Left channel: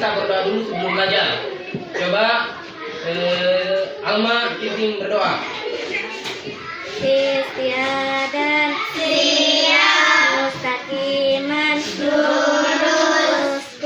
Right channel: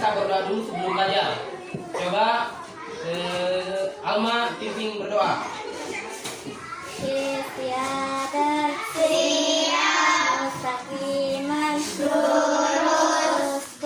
kita berdoa dulu sebelum belajar. Coba Alma pimpin berdoa. Istiadah siap mustaqiman lurus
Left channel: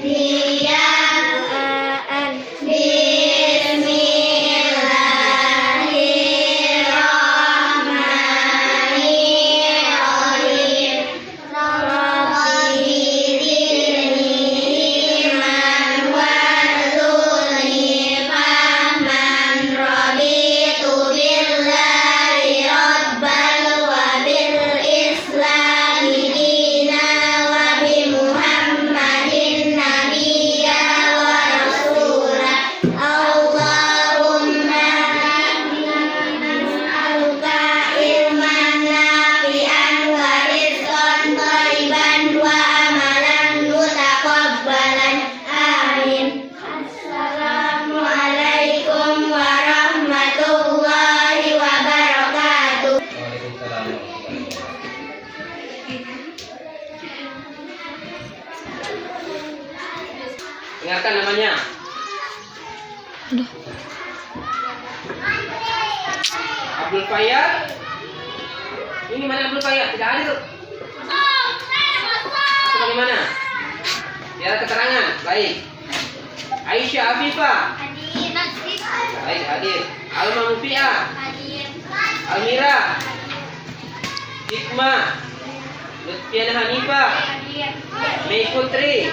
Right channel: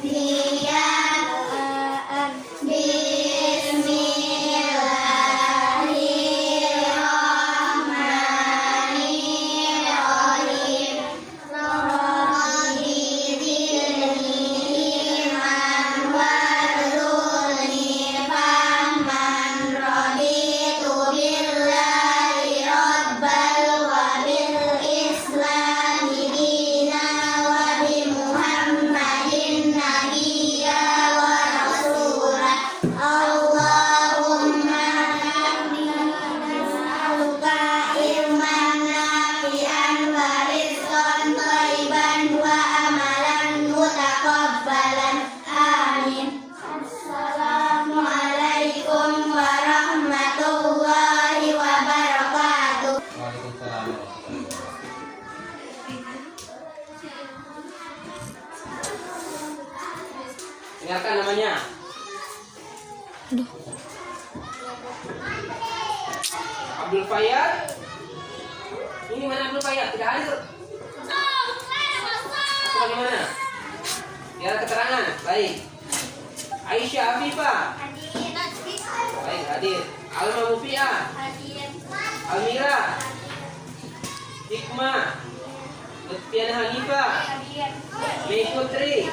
diam doaan Bismillahirrahmanirrahim Robbiriliman wadluni faman raditu billahi rabbal wa bil islami dina wa bi muhammadin nabiyya wa rasula Allahumma nas'aluka ilman nafi'an wa rizqan thayyiban wa amalan mutaqabbalan amin. Assalamualaikum warahmatullahi wabarakatuh. Waalaikumsalam. Dengarkan namanya. Abdul Fayyad. Ini mana Abdul Fayyad? Tidak hadir. Atau bagaimana? Biar keterangan. Baik. Aisyah Afifah. Baik, hadir. Alma Mufiah. Almira. Hikmah. Lutfiana Hanifah. Mei Putri.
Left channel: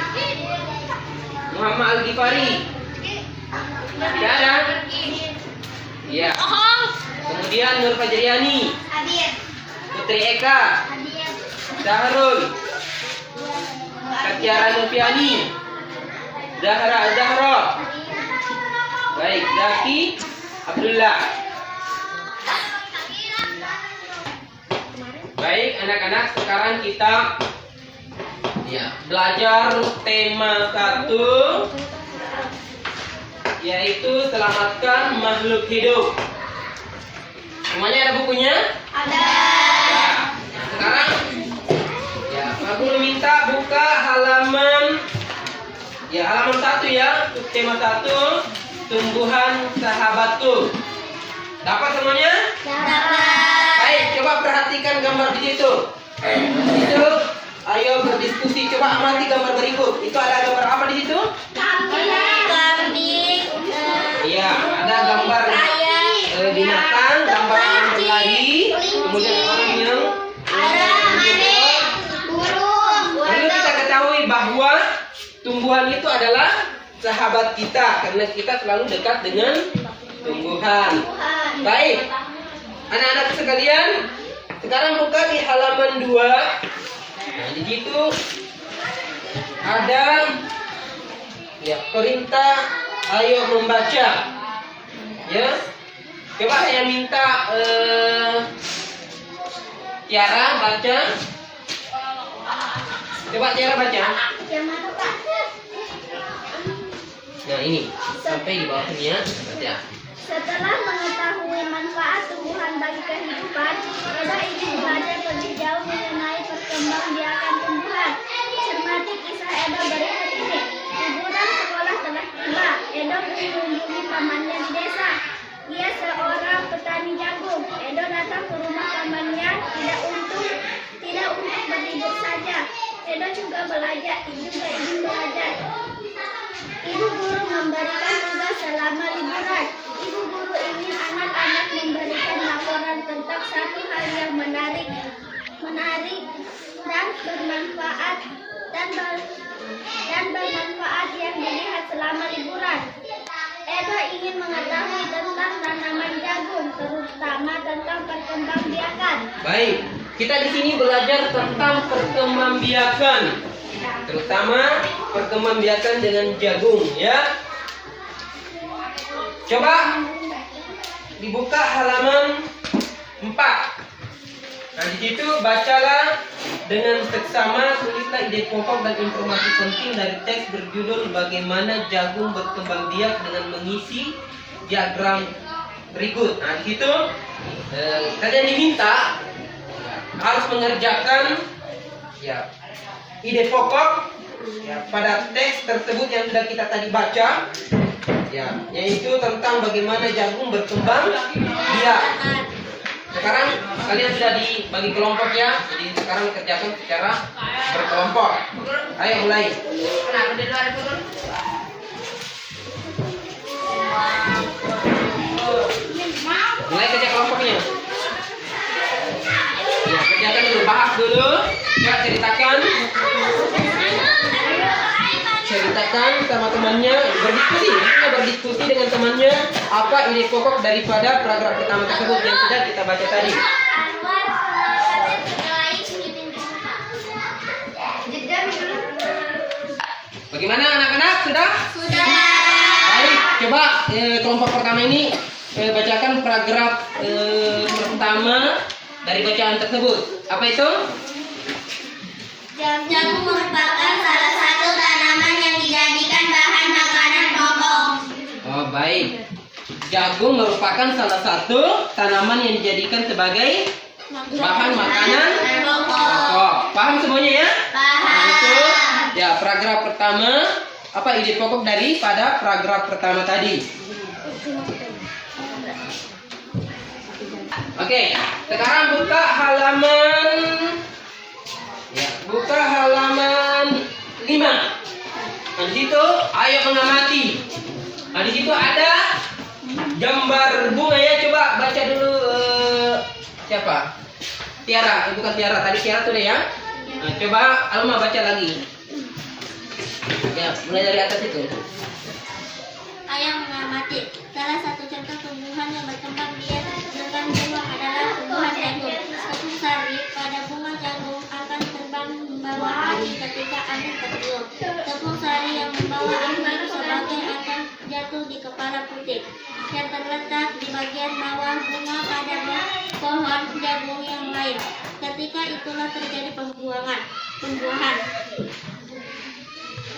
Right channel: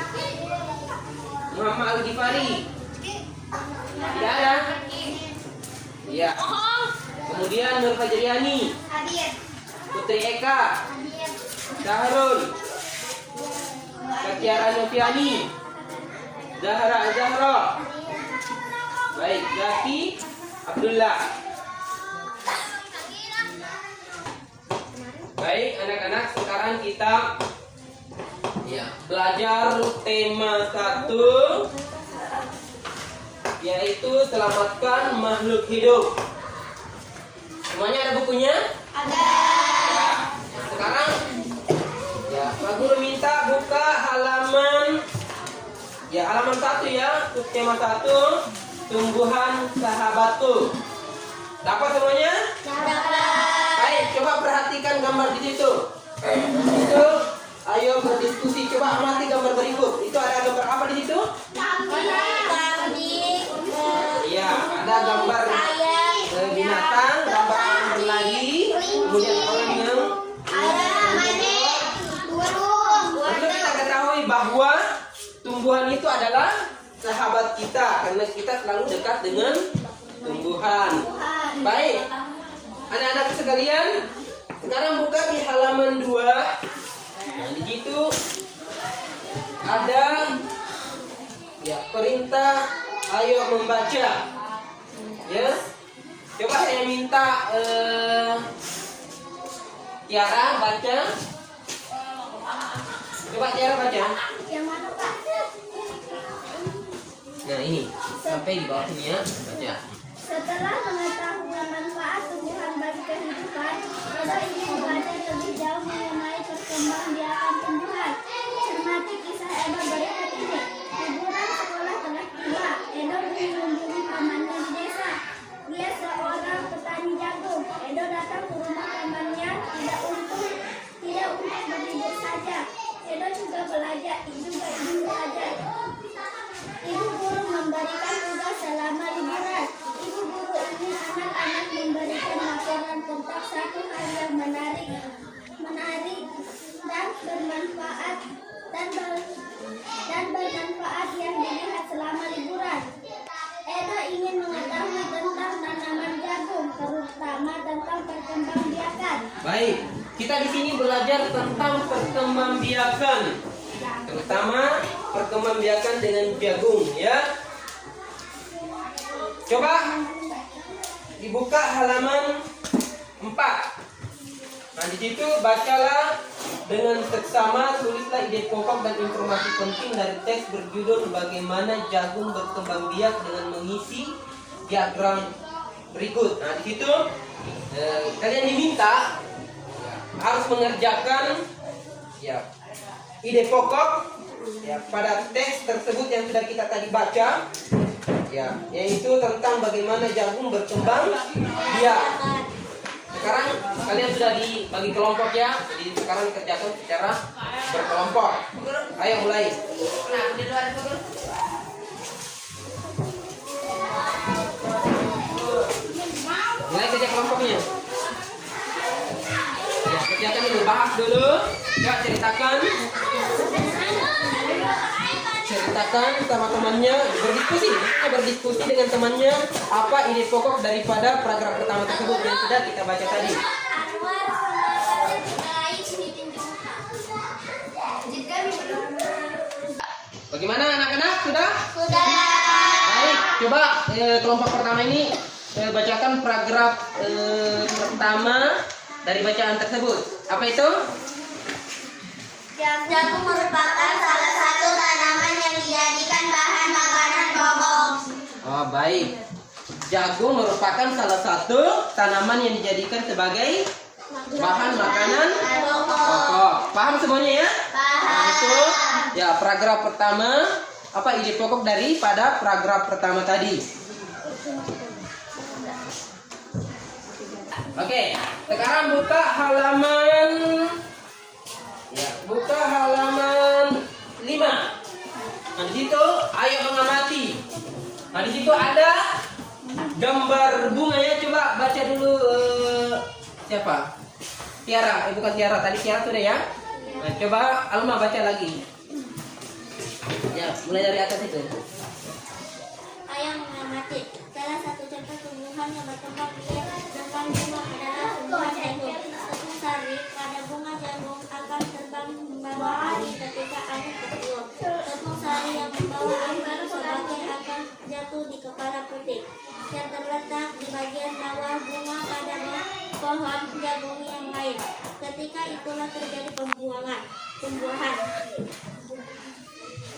Muhammad Al-Ghifari. Tidak ada? Iya. Kemudian Nur Fajriani. Putri Eka. Zahrul. Katiara Nufiani. Zahra. Baik, Zaki Abdullah. Baik, anak-anak, sekarang kita belajar tema 1, yaitu selamatkan makhluk hidup. Semuanya ada bukunya? Ada. Nah, sekarang Pak Guru minta buka halaman 1 ya, untuk tema 1, tumbuhan sahabatku. Dapat semuanya? Dapat. Baik, coba perhatikan gambar di situ. Itu, ayo berdiskusi. Coba amati gambar berikut. Itu ada gambar apa di situ? Kambing. Iya, ada gambar binatang, gambar yang berlari, kemudian orang yang Burung. perlu kita ketahui bahwa tumbuhan itu adalah sahabat kita karena kita selalu dekat dengan tumbuhan. Baik, anak-anak sekalian, sekarang buka di halaman 2. Nah, di situ ada perintah ayo membaca. Ya, coba saya minta Tiara baca. Coba Tiara baca. Yang mana, Pak? Nah ini sampai di bawah sini ya, baca. Setelah mengetahui manfaat tumbuhan bagi kehidupan, Edo ingin belajar lebih jauh mengenai perkembangbiakan tumbuhan. Cermati kisah Edo berikut ini. Liburan sekolah telah tiba. Edo mengunjungi pamannya di desa. Dia seorang petani jagung. Edo datang ke rumah pamannya tidak untuk berlibur saja. Edo juga ingin belajar. Ibu guru memberikan tugas selama liburan. Ibu guru ingin anak-anak memberikan laporan tentang satu hal yang menarik dan bermanfaat yang dilihat selama liburan. Edo ingin mengetahui tentang tanaman jagung, terutama tentang perkembangbiakan. Baik, kita di sini belajar tentang perkembangbiakan, terutama perkembangbiakan dengan jagung ya. Coba dibuka halaman 4. Nah di situ bacalah dengan seksama, tulislah ide pokok dan informasi penting dari teks berjudul bagaimana jagung berkembang biak dengan mengisi diagram berikut. Nah di situ kalian diminta harus mengerjakan ide pokok ya, pada teks tersebut yang sudah kita tadi baca, ya, yaitu tentang bagaimana jagung berkembang biak. Sekarang kalian sudah dibagi kelompok ya, jadi sekarang kerjakan secara berkelompok. Ayo mulai. Mulai kerja kelompoknya. Ya, kerjakan dulu, bahas dulu. Ya, ceritakan sama temannya, berdiskusi dengan temannya apa ide pokok daripada paragraf pertama tersebut yang sudah kita baca tadi. Bagaimana anak-anak? Sudah? Sudah. Baik, coba kelompok pertama ini bacakan paragraf pertama dari bacaan tersebut. Apa itu? Jagung merupakan salah satu tanaman yang dijadikan bahan makanan pokok. Oh, baik. Jagung merupakan salah satu tanaman yang dijadikan sebagai bahan makanan pokok. Paham semuanya ya? Paham. Untuk ya, paragraf pertama, apa ide pokok daripada paragraf pertama tadi? Oke, sekarang buka halaman 5. Nah, di situ ayo mengamati. Nah, di situ ada gambar bunga ya. Coba baca dulu siapa? Tiara, bukan Tiara. Tadi Tiara sudah ya. Nah, coba Alma baca lagi. Ya, mulai dari atas itu. Ayam mengamati. Salah satu contoh tumbuhan yang berkembang biak dengan bunga adalah tumbuhan jagung. Tepung sari pada bunga jagung akan terbang membawa angin ketika angin tertiup. Tepung sari yang membawa angin sebagai akan jatuh di kepala putik yang terletak di bagian bawah bunga pada pohon jagung yang lain. Ketika itulah terjadi pembuahan.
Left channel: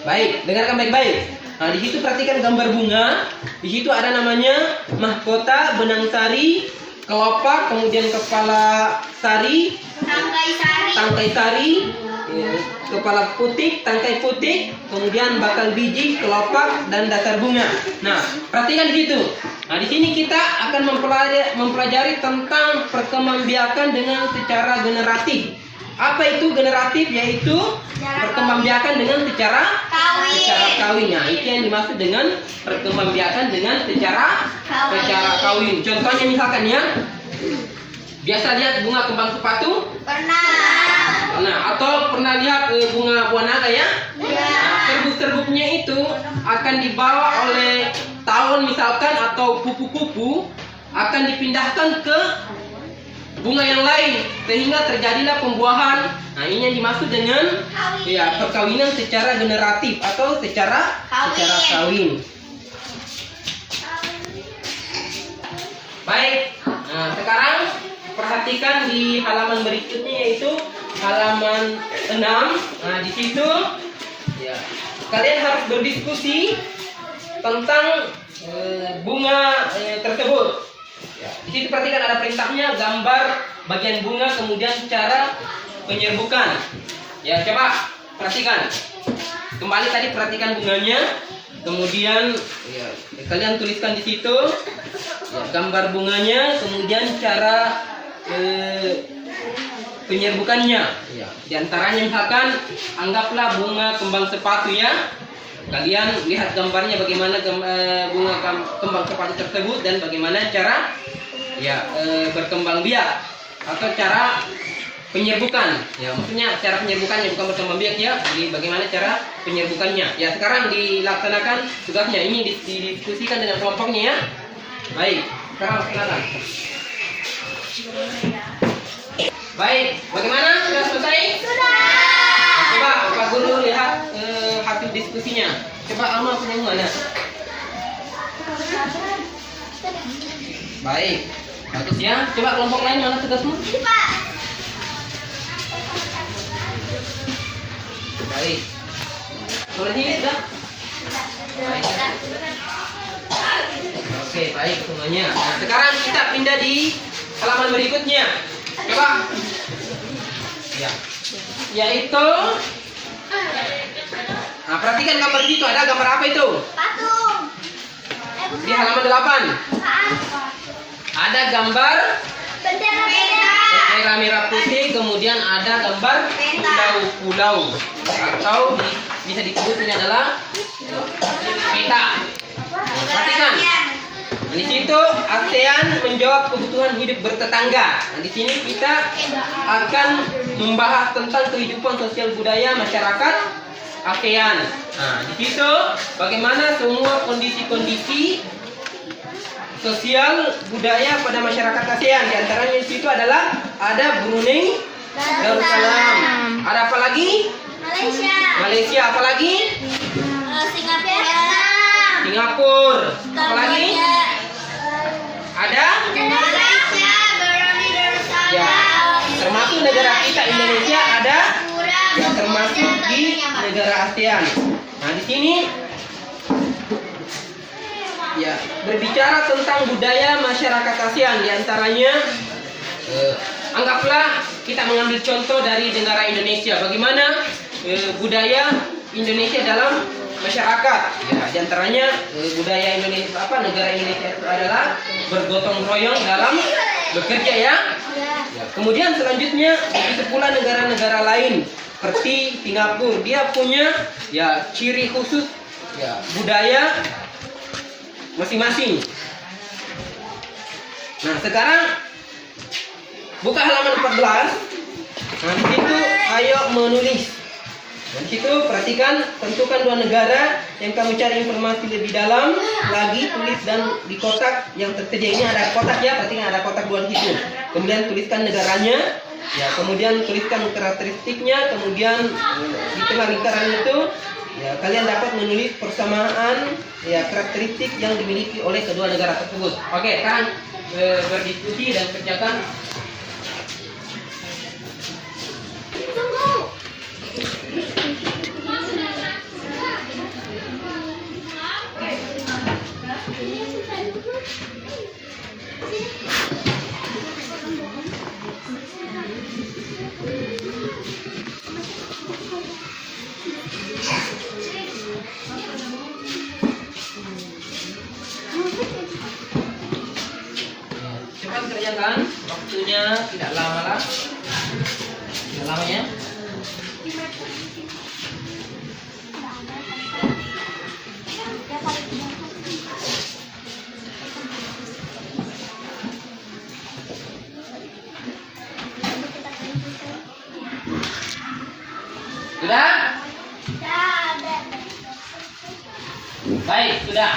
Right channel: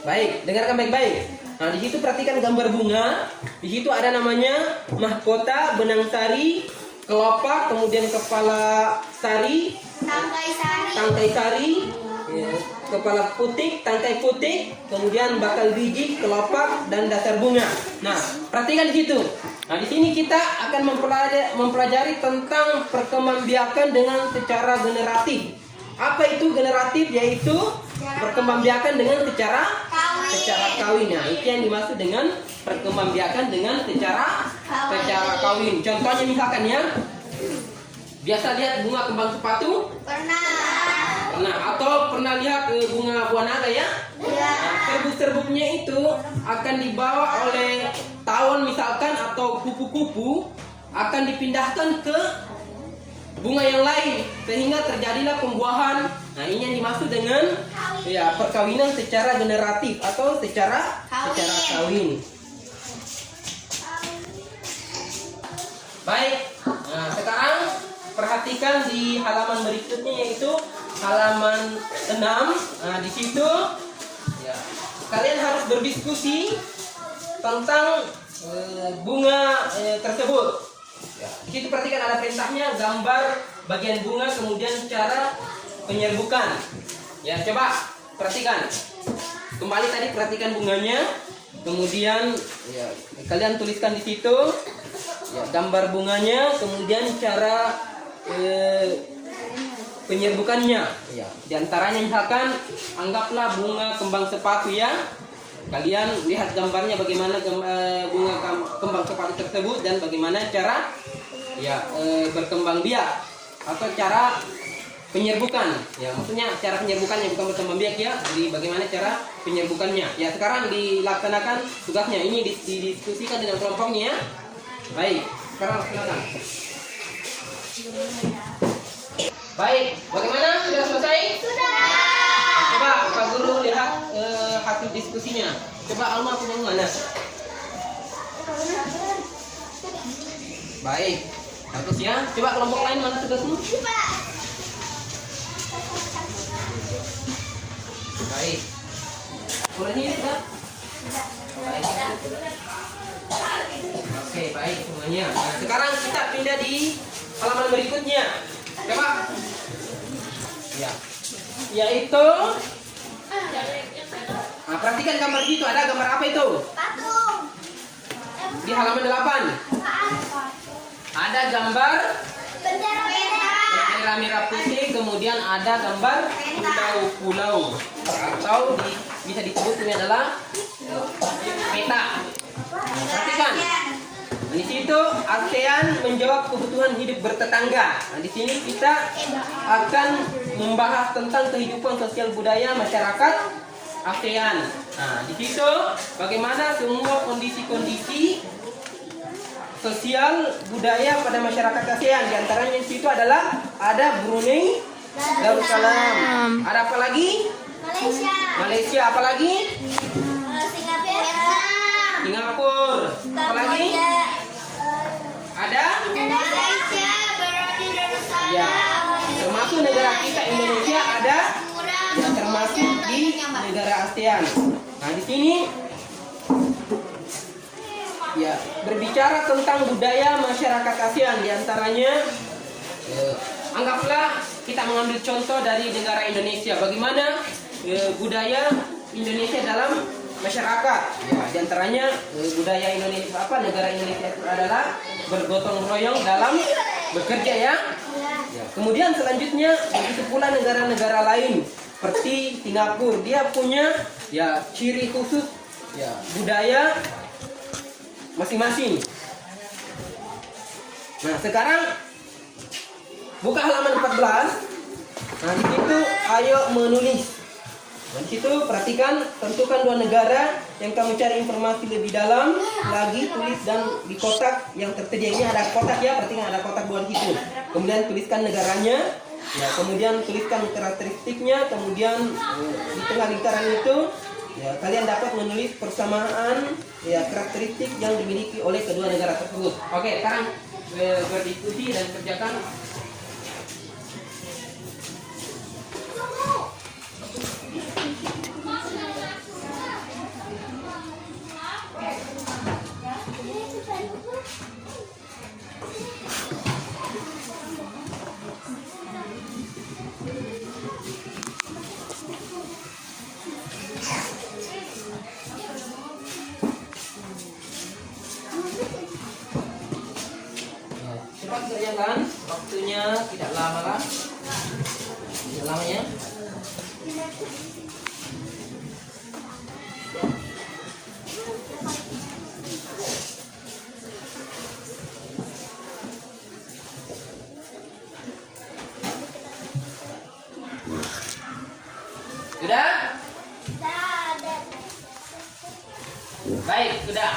Baik, dengarkan baik-baik. Nah, di situ perhatikan gambar bunga. Di situ ada namanya mahkota, benang sari, kelopak, kemudian kepala sari, tangkai sari, ya, kepala putik, tangkai putik, kemudian bakal biji, kelopak, dan dasar bunga. Nah, perhatikan di situ. Nah, di sini kita akan mempelajari tentang perkembangbiakan dengan secara generatif. Apa itu generatif? Yaitu perkembangbiakan dengan secara kawin. Nah, itu yang dimaksud dengan perkembangbiakan dengan secara kawin. Contohnya misalkan ya, biasa lihat bunga kembang sepatu? Pernah. Atau pernah lihat bunga buah naga ya? Nah, serbuk-serbuknya itu akan dibawa oleh tahun misalkan atau kupu-kupu akan dipindahkan ke bunga yang lain sehingga terjadilah pembuahan. Nah, ini yang dimaksud dengan ya perkawinan secara generatif atau secara kawin. Baik. Nah, sekarang perhatikan di halaman berikutnya yaitu halaman 6. Nah, di situ ya kalian harus berdiskusi tentang bunga tersebut. Ya, di situ perhatikan ada perintahnya, gambar bagian bunga, kemudian cara penyerbukan. Ya, coba perhatikan. Kembali tadi perhatikan bunganya, kemudian ya, kalian tuliskan di situ ya, gambar bunganya, kemudian cara penyerbukannya. Ya, di antaranya misalkan anggaplah bunga kembang sepatu ya. Kalian lihat gambarnya bagaimana bunga kembang sepatu tersebut dan bagaimana cara ya berkembang biak atau cara penyerbukan. Ya, maksudnya cara penyerbukannya bukan berkembang biak ya. Jadi bagaimana cara penyerbukannya. Ya, sekarang dilaksanakan tugasnya. Ini didiskusikan dengan kelompoknya ya. Baik, sekarang silakan. Baik, bagaimana? Sudah selesai? Sudah. Coba Pak Guru lihat hasil diskusinya. Coba Alma punya mana? Baik, bagus ya. Coba kelompok lain mana tugasmu? Baik. Boleh nih, sudah? Baik. Oke, baik semuanya. Nah, sekarang kita pindah di halaman berikutnya. Coba. Ya. Yaitu perhatikan gambar itu. Ada gambar apa itu? Patung. Di halaman 8. Bukan. Ada gambar Bendera. bendera merah putih, kemudian ada gambar pulau-pulau atau bisa disebut ini adalah peta. Perhatikan. Di situ ASEAN menjawab kebutuhan hidup bertetangga. Nah, di sini kita akan membahas tentang kehidupan sosial budaya masyarakat ASEAN. Nah, di situ bagaimana semua kondisi-kondisi sosial budaya pada masyarakat ASEAN. Di antaranya di situ adalah ada Brunei Darussalam. Ada apa lagi? Malaysia. Apa lagi? Singapura. Apa lagi? Ada? Ya, termasuk negara kita Indonesia ada, ya, termasuk di negara ASEAN. Nah, di sini ya berbicara tentang budaya masyarakat ASEAN, diantaranya anggaplah kita mengambil contoh dari negara Indonesia. Bagaimana budaya Indonesia dalam masyarakat? Ya, diantaranya budaya Indonesia negara Indonesia itu adalah bergotong royong dalam bekerja ya. Ya. Kemudian selanjutnya begitu pula negara-negara lain seperti Singapura, dia punya ya ciri khusus ya budaya masing-masing. Nah, sekarang buka halaman 14. Nah, di situ ayo menulis. Nah, di situ perhatikan, tentukan dua negara yang kamu cari informasi lebih dalam lagi, tulis dan di kotak yang tersedia ini ada kotak ya, perhatikan ada kotak dua di situ. Kemudian tuliskan negaranya, ya, kemudian tuliskan karakteristiknya, kemudian di tengah lingkaran itu ya kalian dapat menulis persamaan ya karakteristik yang dimiliki oleh kedua negara tersebut. Oke, sekarang berdiskusi dan kerjakan. Cepat kerjakan, waktunya tidak lama lah. Tidak lama ya. Sudah? Baik, sudah.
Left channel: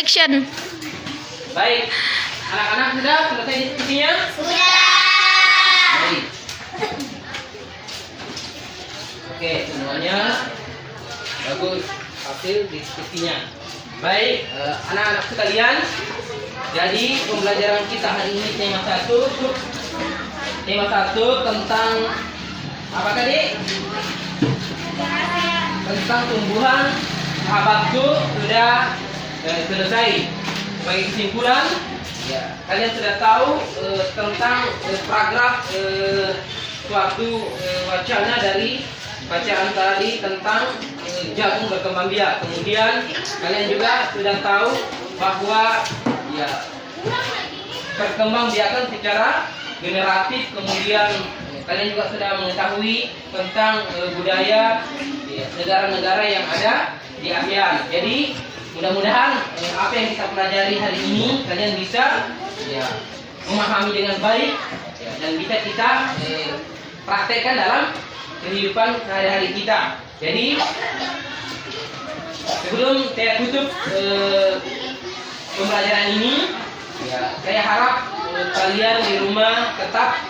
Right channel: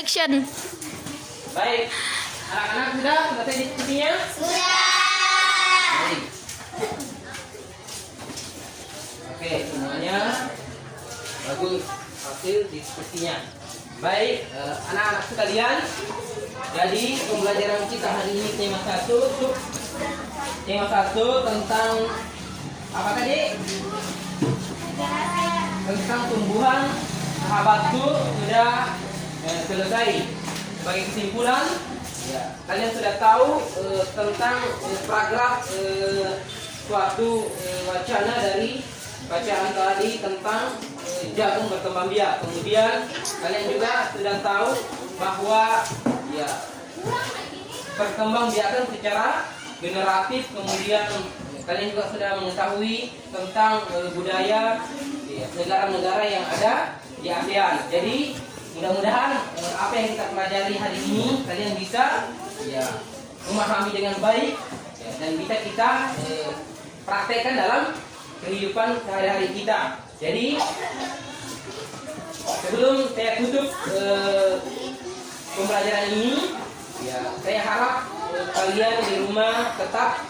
Action. Baik, anak-anak sudah selesai diskusinya? Baik. Oke, semuanya bagus hasil diskusinya. Baik, anak-anak sekalian, jadi pembelajaran kita hari ini tema 1 tentang apa tadi? Tentang tumbuhan sahabatku sudah selesai. Bagi kesimpulan, ya, kalian sudah tahu tentang paragraf suatu wacana dari bacaan tadi tentang jagung berkembang biak. Kemudian kalian juga sudah tahu bahwa ya berkembang biakan secara generatif. Kemudian kalian juga sudah mengetahui tentang budaya ya, negara-negara yang ada di ASEAN. Jadi mudah-mudahan apa yang kita pelajari hari ini kalian bisa ya memahami dengan baik ya, dan bisa kita praktekkan dalam kehidupan sehari-hari kita. Jadi sebelum saya tutup pembelajaran ini, ya, saya harap kalian di rumah tetap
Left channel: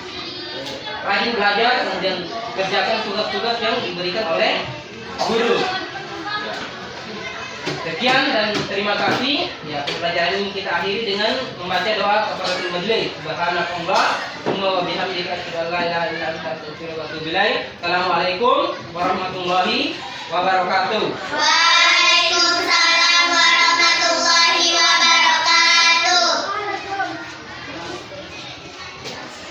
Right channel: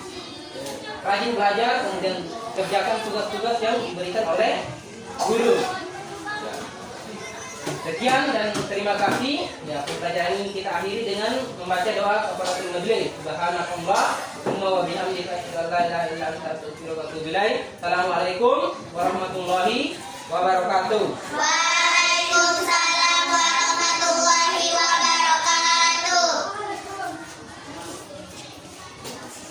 rajin belajar, kemudian kerjakan tugas-tugas yang diberikan oleh guru. Sekian dan terima kasih. Ya, pembelajaran ini kita akhiri dengan membaca doa kafaratul majelis. Subhanallah wa bihamdika asyhadu an la ilaha illa anta astaghfiruka wa atubu ilaik. Assalamualaikum warahmatullahi wabarakatuh.